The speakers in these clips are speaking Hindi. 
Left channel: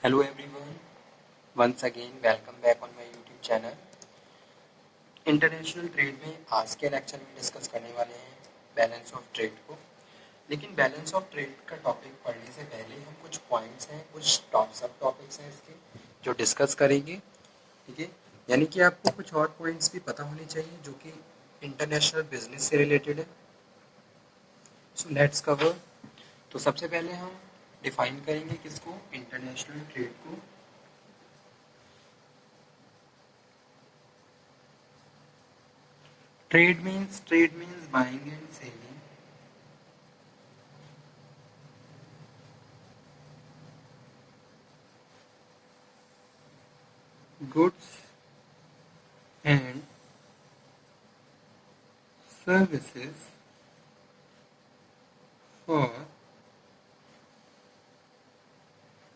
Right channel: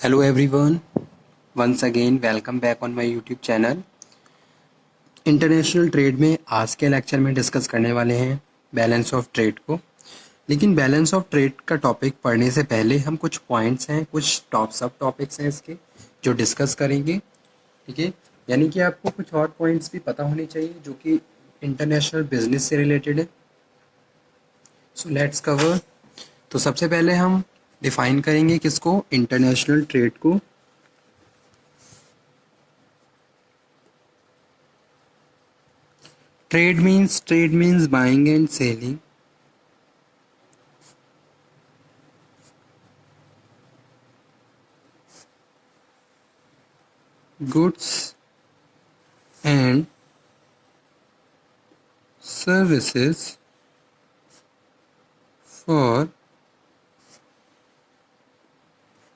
Hello everyone, once again welcome back on my YouTube channel। International trade में आज के लेक्चर में डिस्कस करने वाले हैं बैलेंस ऑफ ट्रेड को। लेकिन बैलेंस ऑफ ट्रेड का टॉपिक पढ़ने से पहले हम कुछ पॉइंट्स हैं, कुछ सब टॉपिक्स हैं इसके जो डिस्कस करेंगे। ठीक है, यानी कि आपको कुछ और पॉइंट्स भी पता होने चाहिए जो कि इंटरनेशनल बिजनेस से रिलेटेड है। So let's cover. तो सबसे पहले हम डिफाइन करेंगे किसको, इंटरनेशनल ट्रेड को। Trade means buying and selling. Goods and services for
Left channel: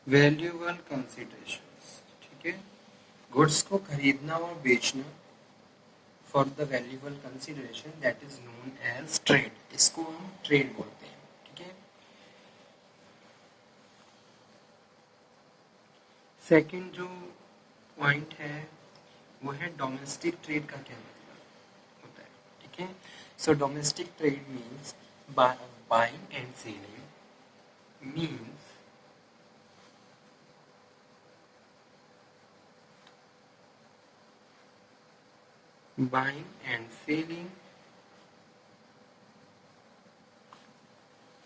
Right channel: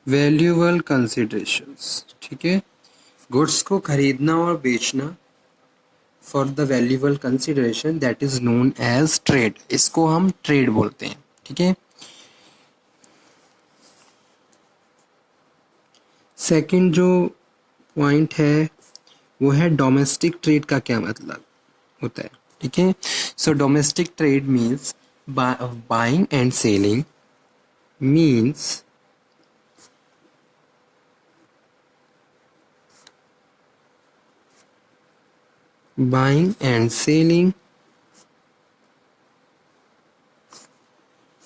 valuable considerations। ठीक है, गुड्स को खरीदना और बेचना for the valuable consideration that is known as trade, इसको हम ट्रेड बोलते हैं। ठीक है, सेकंड जो पॉइंट है वो है डोमेस्टिक ट्रेड का क्या मतलब होता है। ठीक है, so domestic trade means buying and selling means buying and selling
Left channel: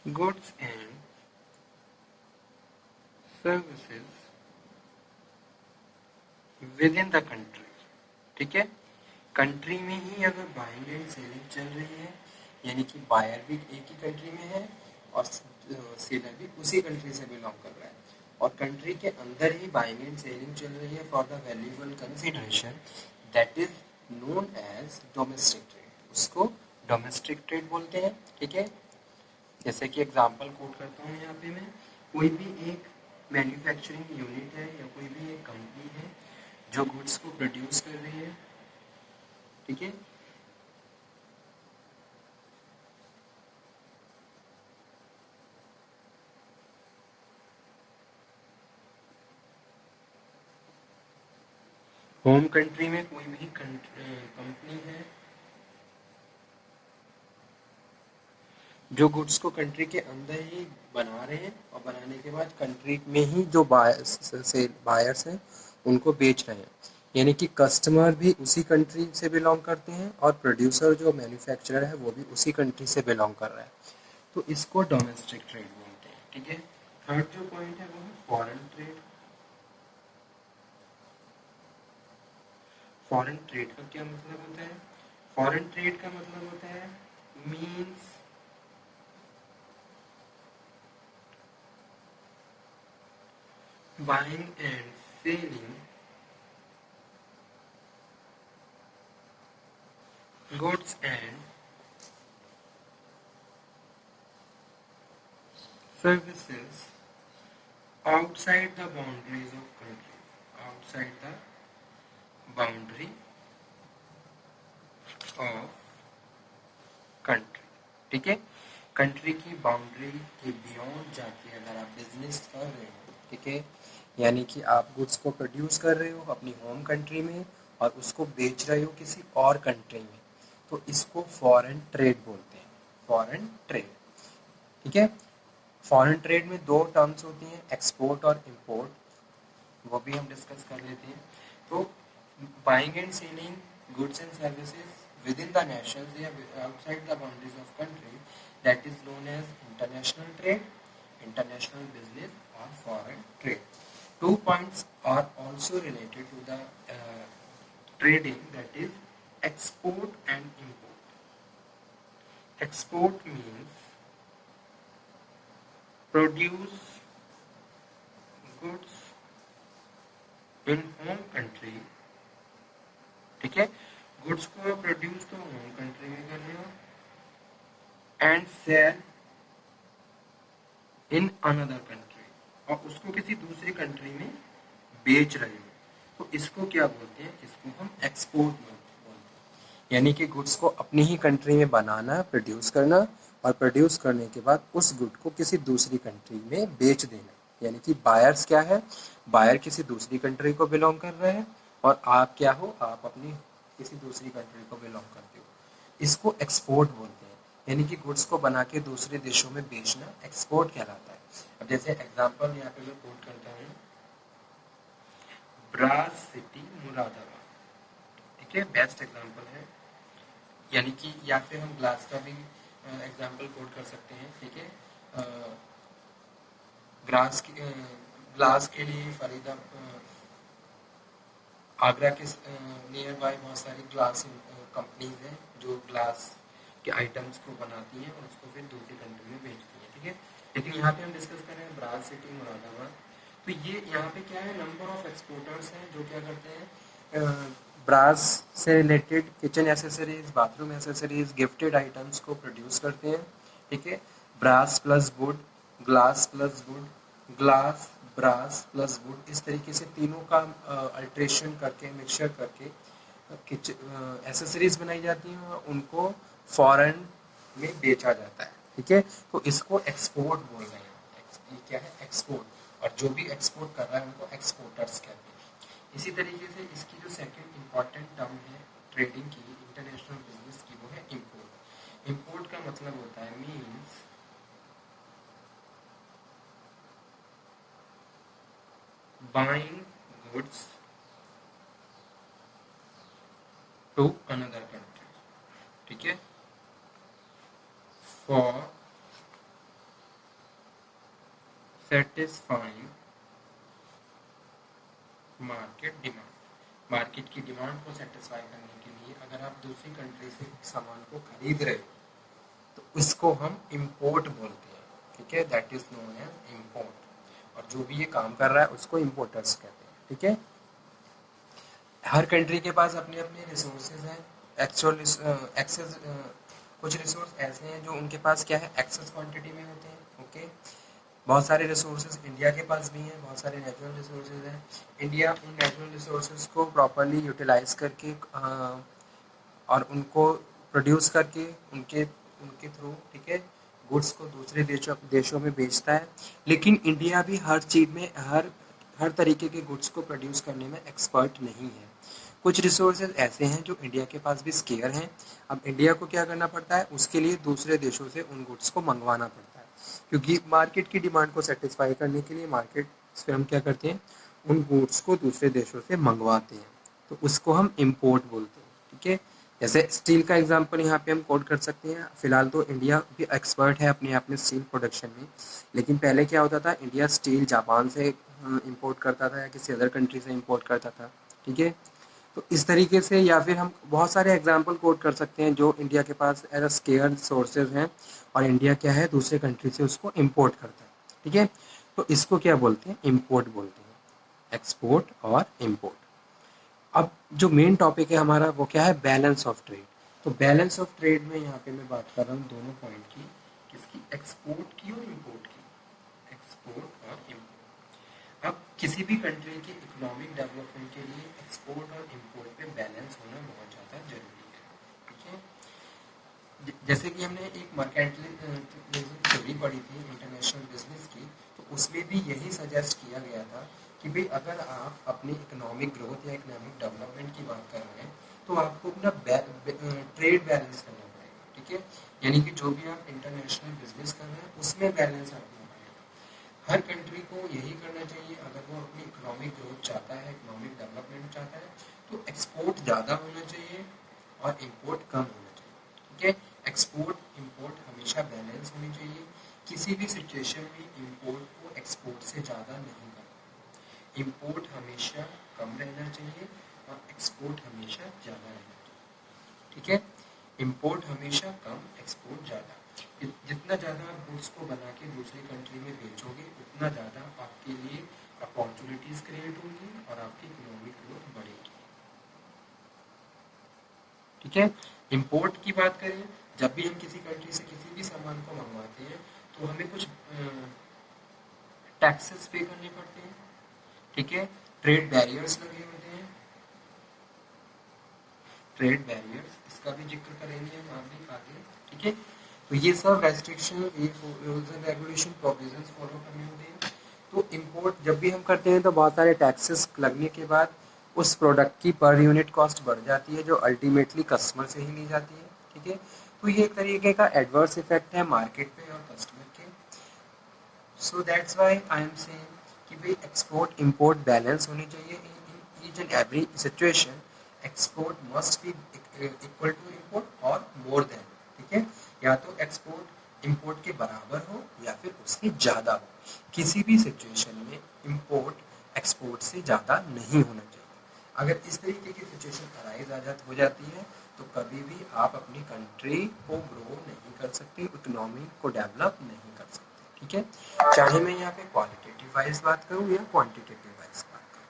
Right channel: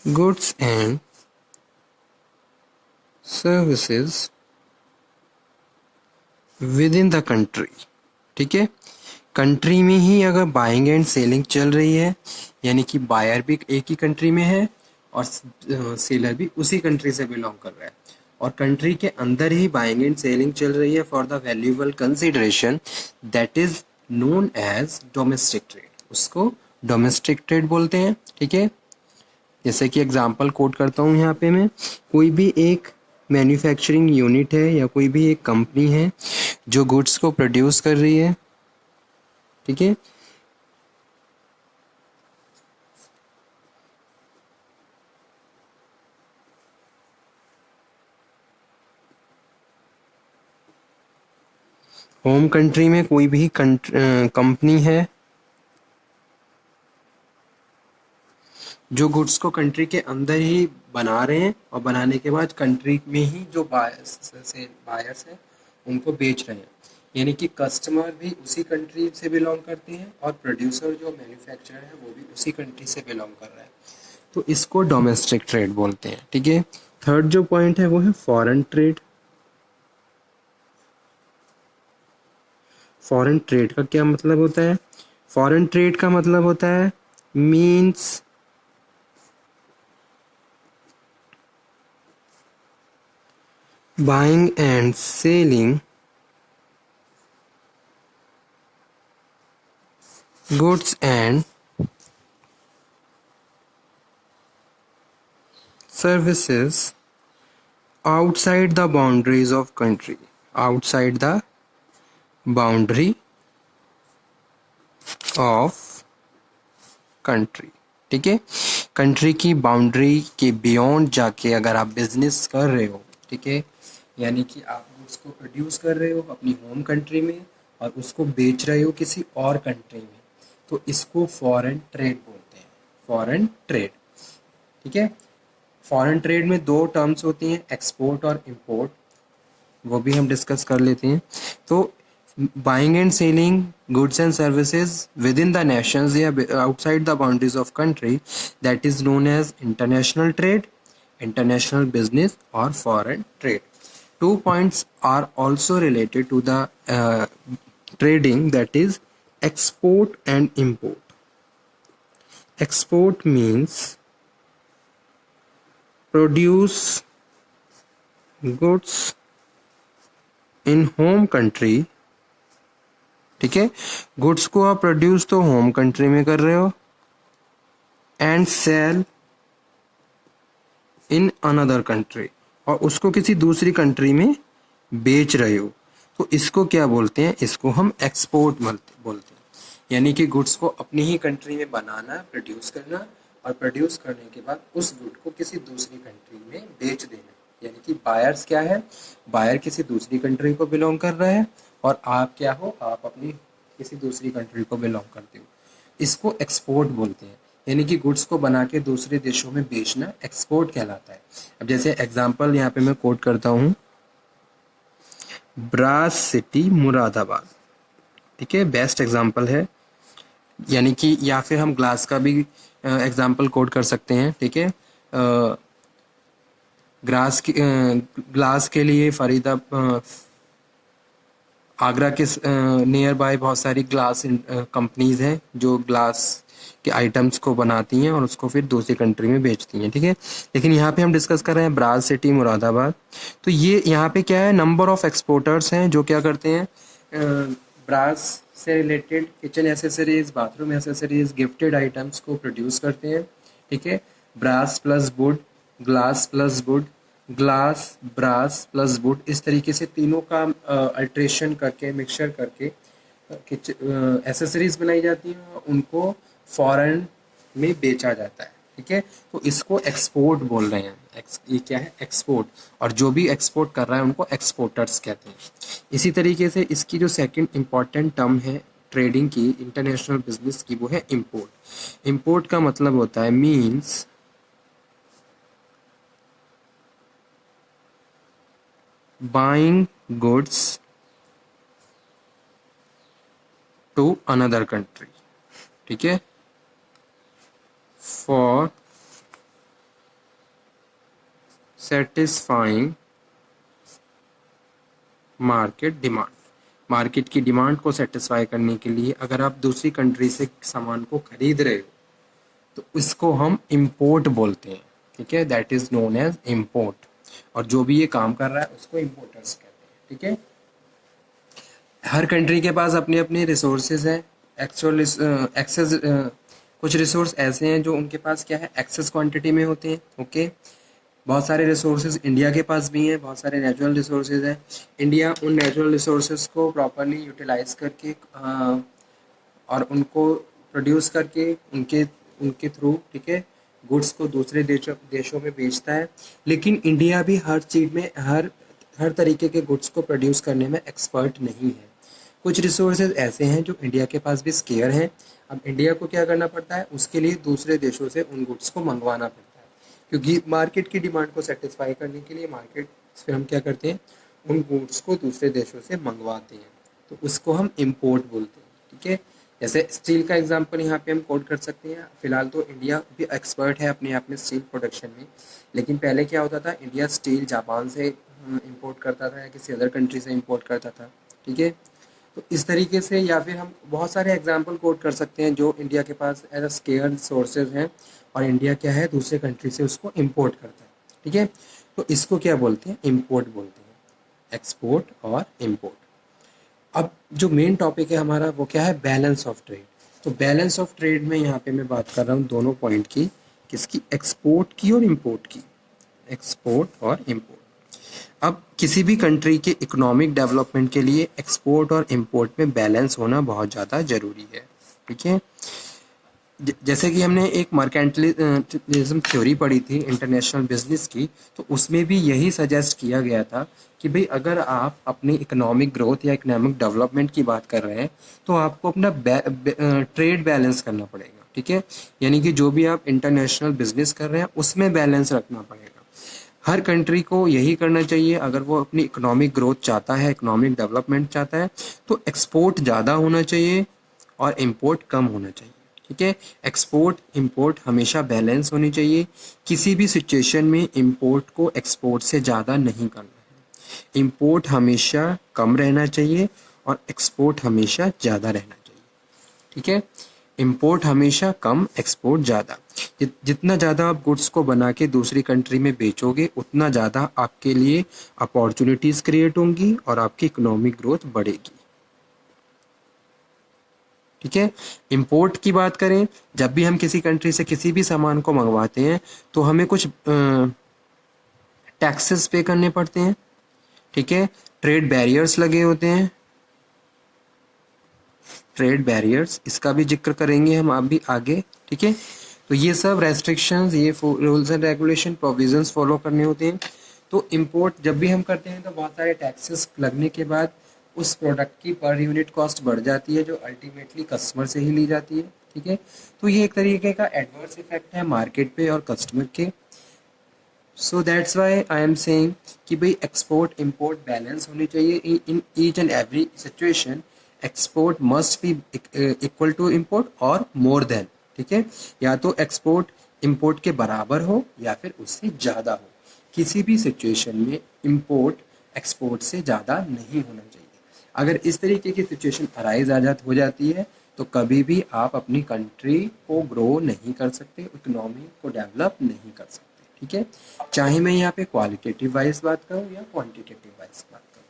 goods and services within the country। ठीक है, कंट्री में ही अगर बाइंग एंड सेलिंग चल रही है, यानी कि बायर भी एक ही कंट्री में है और सेलर भी उसी कंट्री से बिलोंग कर रहा है, और कंट्री के अंदर ही बाइंग एंड सेलिंग चल रही है for the valuable consideration that is known as domestic trade, उसको डोमेस्टिक ट्रेड बोलते हैं। ठीक है, जैसे कि एग्जांपल कोट करता हूँ यहाँ पे मैं, कोई भी एक मैन्युफैक्चरिंग यूनिट है या कोई भी एक कंपनी है जो गुड्स को प्रोड्यूस कर रही है। ठीक है, होम कंट्री में कोई भी कंपनी है जो गुड्स को कंट्री के अंदर ही बना रहे हैं और बनाने के बाद कंट्री में ही जो बायर्स हैं उनको बेच रहे हैं, यानी कि कस्टमर भी उसी कंट्री से बिलोंग करते हैं और प्रोड्यूसर जो मैन्युफैक्चरर है वो भी उसी कंट्री से बिलोंग कर रहा है, तो इसको डोमेस्टिक ट्रेड बोलते हैं। ठीक है, थर्ड जो पॉइंट है वो है फॉरेन ट्रेड। फॉरेन ट्रेड का क्या मतलब होता है? फॉरेन ट्रेड का मतलब होता है means buying and selling goods and services outside the boundaries of country, outside the boundary of country। ठीक है, कंट्री की बाउंड्री के बियॉन्ड जाके अगर आप बिजनेस कर रहे हो, ठीक है, यानी कि आप गुड्स को प्रोड्यूस कर रहे हो अपनी होम कंट्री में और उसको बेच रहे हो किसी और कंट्री में, तो इसको फॉरेन ट्रेड बोलते हैं, फॉरेन ट्रेड। ठीक है, फॉरेन ट्रेड में दो टर्म्स होती हैं, एक्सपोर्ट और इंपोर्ट, वो भी हम डिस्कस कर लेते हैं। तो buying and selling goods and services within the nations या outside the boundaries of country that is known as international trade, international business और foreign trade. 2 points are also related to the trading, that is export and import। Export means produce goods in home country। ठीक है, गुड्स को आप प्रोड्यूस तो होम कंट्री में कर रहे हो and sell in another country, और उसको किसी दूसरी कंट्री में बेच रहे हो, तो इसको क्या बोलते हैं? इसको हम एक्सपोर्ट बोलते हैं, यानी कि गुड्स को अपनी ही कंट्री में बनाना, प्रोड्यूस करना और प्रोड्यूस करने के बाद उस गुड को किसी दूसरी कंट्री में बेच देना, यानी कि बायर्स क्या है, बायर किसी दूसरी कंट्री को बिलोंग कर रहा है और आप क्या हो, आप अपनी किसी दूसरी कंट्री को बिलोंग करते हो। इसको एक्सपोर्ट बोलते हैं, यानी कि गुड्स को बना के दूसरे देशों में बेचना एक्सपोर्ट कहलाता है। अब जैसे एग्जांपल यहाँ पे मैं कोट करता हूँ, ब्रास सिटी मुरादाबाद, ठीक है, बेस्ट एग्जांपल है। यानी कि या फिर हम ग्लास का भी एग्जांपल कोट कर सकते हैं, ठीक है। ग्लास के लिए आगरा के नियर बाय बहुत सारी ग्लास कंपनीज हैं जो ग्लास के आइटम्स को बनाती हैं और उसको फिर दूसरी कंट्री में बेचती हैं, ठीक है। लेकिन यहाँ पे हम डिस्कस कर रहे हैं ब्रास सिटी मुरादाबाद। तो ये यहाँ पे क्या है, नंबर ऑफ एक्सपोर्टर्स हैं जो क्या करते हैं, ब्रास से related kitchen accessories, bathroom accessories, gifted items को प्रोड्यूस करते हैं, ठीक है। Brass plus wood, glass plus wood, glass brass plus wood, इस तरीके से तीनों का अल्ट्रेशन करके, मिक्सचर करके एसेसरीज बनाई जाती हैं और उनको फॉरेन में बेचा जाता है, ठीक है। तो इसको एक्सपोर्ट बोल रहे हैं, ये क्या है, एक्सपोर्ट। और जो भी एक्सपोर्ट कर रहा है उनको एक्सपोर्टर्स कहते हैं। इसी तरीके से इसकी जो सेकंड इम्पॉर्टेंट टर्म है ट्रेडिंग की, इंटरनेशनल बिजनेस की, वो है इम्पोर्ट। इम्पोर्ट का मतलब होता है means buying goods to another country, ठीक है, for satisfying market demand. Market की डिमांड को सेटिस्फाई करने के लिए अगर आप दूसरी कंट्री से सामान को खरीद रहे हो तो इसको हम इम्पोर्ट बोलते हैं, ठीक है, that is known as import. और जो भी ये काम कर रहा है उसको इम्पोर्टर्स कहते हैं, ठीक है। हर कंट्री के पास अपने अपने रिसोर्सेज हैं, एक्चुअल एक्सेस, कुछ रिसोर्स ऐसे हैं जो उनके पास क्या है, एक्सेस क्वांटिटी में होते हैं, ओके। बहुत सारे रिसोर्सेज इंडिया के पास भी हैं, बहुत सारे नेचुरल रिसोर्सेज हैं। इंडिया उन नेचुरल रिसोर्सेज को प्रॉपरली यूटिलाइज करके और उनको प्रोड्यूस करके उनके उनके थ्रू, ठीक है, गुड्स को दूसरे देशों में बेचता है। लेकिन इंडिया भी हर चीज़ में हर तरीके के गुड्स को प्रोड्यूस करने में एक्सपर्ट नहीं है। कुछ रिसोर्सेज ऐसे हैं जो इंडिया के पास भी स्केयर हैं। अब इंडिया को क्या करना पड़ता है, उसके लिए दूसरे देशों से उन गुड्स को मंगवाना पड़ता है, क्योंकि मार्केट की डिमांड को सेटिस्फाई करने के लिए मार्केट से हम क्या करते हैं, उन गुड्स को दूसरे देशों से मंगवाते हैं, तो उसको हम इम्पोर्ट बोलते हैं, ठीक है। जैसे स्टील का एग्जांपल यहाँ पे हम कोट कर सकते हैं। फिलहाल तो इंडिया भी एक्सपर्ट है अपने आप में स्टील प्रोडक्शन में, लेकिन पहले क्या होता था, इंडिया स्टील जापान से इंपोर्ट करता था या किसी अदर कंट्री से इंपोर्ट करता था, ठीक है। तो इस तरीके से, या फिर हम बहुत सारे एग्जांपल कोट कर सकते हैं जो इंडिया के पास एज अ स्केयर सोर्सेज हैं और इंडिया क्या है, दूसरे कंट्री से उसको इंपोर्ट करता है, ठीक है। तो इसको क्या बोलते हैं, इंपोर्ट बोलते हैं, एक्सपोर्ट और इंपोर्ट। अब जो मेन टॉपिक है हमारा वो क्या है, बैलेंस ऑफ ट्रेड। तो बैलेंस ऑफ ट्रेड में यहाँ पे मैं बात कर रहा हूँ दोनों पॉइंट की, किसकी, एक्सपोर्ट की और इम्पोर्ट की, एक्सपोर्ट और इम्पोर्ट। अब किसी भी कंट्री के इकोनॉमिक डेवलपमेंट के लिए एक्सपोर्ट और इम्पोर्ट में बैलेंस होना बहुत ज़्यादा ज़रूरी है, ठीक है। जैसे कि हमने एक मर्केंटलिज्म थ्योरी पढ़ी थी इंटरनेशनल बिजनेस की, तो उसमें भी यही सजेस्ट किया गया था कि भाई अगर आप अपनी इकोनॉमिक ग्रोथ या इकोनॉमिक डेवलपमेंट की बात कर रहे हैं तो आपको अपना ट्रेड बैलेंस करना पड़ेगा, ठीक है। यानी कि जो भी आप इंटरनेशनल बिजनेस कर रहे हैं उसमें बैलेंस रखना पड़ेगा। हर कंट्री को यही करना चाहिए, अगर वो अपनी इकोनॉमिक ग्रोथ चाहता है, इकोनॉमिक डेवलपमेंट चाहता है, तो एक्सपोर्ट ज़्यादा होना चाहिए और इम्पोर्ट कम होना चाहिए, ठीक है। एक्सपोर्ट इम्पोर्ट हमेशा बैलेंस होनी चाहिए। किसी भी सिचुएशन में इम्पोर्ट को एक्सपोर्ट से ज़्यादा नहीं करना है। इम्पोर्ट हमेशा कम रहना चाहिए और एक्सपोर्ट हमेशा ज़्यादा रहना चाहिए, ठीक है। इम्पोर्ट हमेशा कम, एक्सपोर्ट ज़्यादा। जितना ज़्यादा आप गुड्स को बना के दूसरी कंट्री में बेचोगे उतना ज़्यादा आपके लिए अपॉर्चुनिटीज़ क्रिएट होंगी और आपकी इकोनॉमिक ग्रोथ बढ़ेगी, ठीक है। इंपोर्ट की बात करें, जब भी हम किसी कंट्री से किसी भी सामान को मंगवाते हैं तो हमें कुछ टैक्सेस पे करने पड़ते हैं, ठीक है। ट्रेड बैरियर्स लगे होते हैं, ट्रेड बैरियर्स, इसका भी जिक्र करेंगे हम अभी आगे, ठीक है। तो ये सब रेस्ट्रिक्शंस, ये rules and regulation provisions follow करने होते हैं। तो इम्पोर्ट जब भी हम करते हैं तो बहुत सारे टैक्सेस लगने के बाद उस प्रोडक्ट की पर यूनिट कॉस्ट बढ़ जाती है, जो अल्टीमेटली कस्टमर से ही ली जाती है, ठीक है। तो ये एक तरीके का एडवर्स इफेक्ट है मार्केट पे और कस्टमर के। So that's why I am saying कि भाई एक्सपोर्ट इम्पोर्ट बैलेंस होनी चाहिए in each and every situation. Export must be equal to import और मोर देन, ठीक है। या तो एक्सपोर्ट इम्पोर्ट के बराबर हो या फिर उससे ज़्यादा हो। किसी भी सिचुएशन में इम्पोर्ट एक्सपोर्ट से ज़्यादा नहीं होना चाहिए। अगर इस तरीके की सिचुएशन अराइज हो जाती है तो कभी भी आप अपनी कंट्री को ग्रो नहीं कर सकते, इकोनॉमी को डेवलप नहीं कर सकते, ठीक है। चाहे मैं यहाँ पे क्वालिटेटिव वाइज बात करूँ या क्वांटिटेटिव वाइज बात करूँ,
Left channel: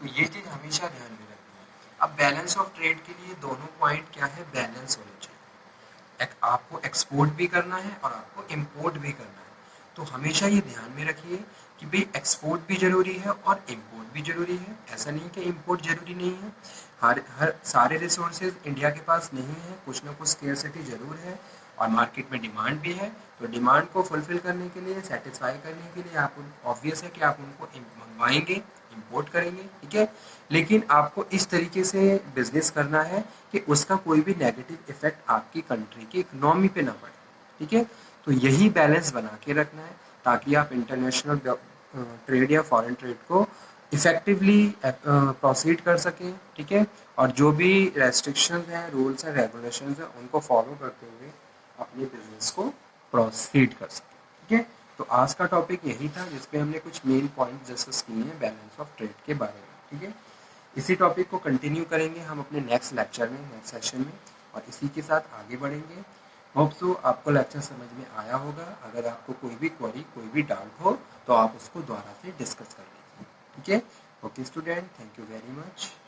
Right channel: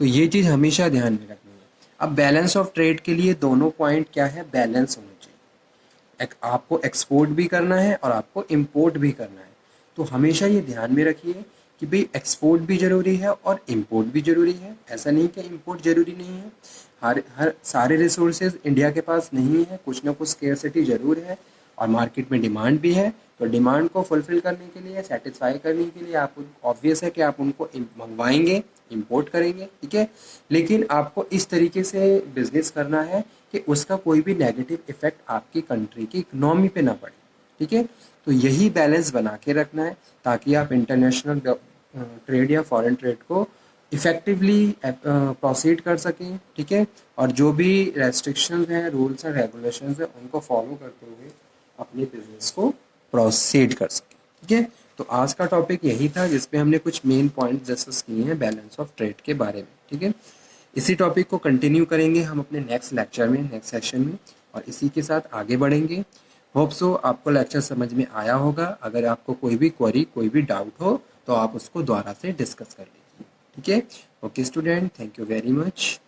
तो ये चीज़ हमेशा ध्यान में रखनी है। अब बैलेंस ऑफ ट्रेड के लिए दोनों पॉइंट क्या है, बैलेंस होने चाहिए। आपको एक्सपोर्ट भी करना है और आपको इम्पोर्ट भी करना है। तो हमेशा ये ध्यान में रखिए कि भाई एक्सपोर्ट भी ज़रूरी है और इम्पोर्ट भी ज़रूरी है। ऐसा नहीं कि इम्पोर्ट ज़रूरी नहीं है। हर सारे रिसोर्सेज इंडिया के पास नहीं है, कुछ ना कुछ स्केर्सिटी ज़रूर है और मार्केट में डिमांड भी है। तो डिमांड को फुलफिल करने के लिए, सेटिस्फाई करने के लिए आप ऑब्वियस है कि आप उनको मंगवाएंगे, इंपोर्ट करेंगे, ठीक है। लेकिन आपको इस तरीके से बिजनेस करना है कि उसका कोई भी नेगेटिव इफेक्ट आपकी कंट्री की इकोनॉमी पे ना पड़े, ठीक है। तो यही बैलेंस बना के रखना है ताकि आप इंटरनेशनल ट्रेड या फॉरेन ट्रेड को इफेक्टिवली प्रोसीड कर सकें, ठीक है। और जो भी रेस्ट्रिक्शंस हैं, रूल्स एंड रेगुलेशंस हैं, उनको फॉलो करते हुए अपने बिजनेस को प्रोसीड कर सकें, ठीक है। तो आज का टॉपिक यही था जिसपे हमने कुछ मेन पॉइंट डिस्कस किए हैं बैलेंस ऑफ ट्रेड के बारे में, ठीक है। इसी टॉपिक को कंटिन्यू करेंगे हम अपने नेक्स्ट लेक्चर में, नेक्स्ट सेशन में, और इसी के साथ आगे बढ़ेंगे। होप सो आपको लेक्चर समझ में आया होगा। अगर आपको कोई भी क्वेरी, कोई भी डाउट हो तो आप उसको दोबारा से डिस्कस कर लीजिए, ठीक है। Okay student, thank you very much.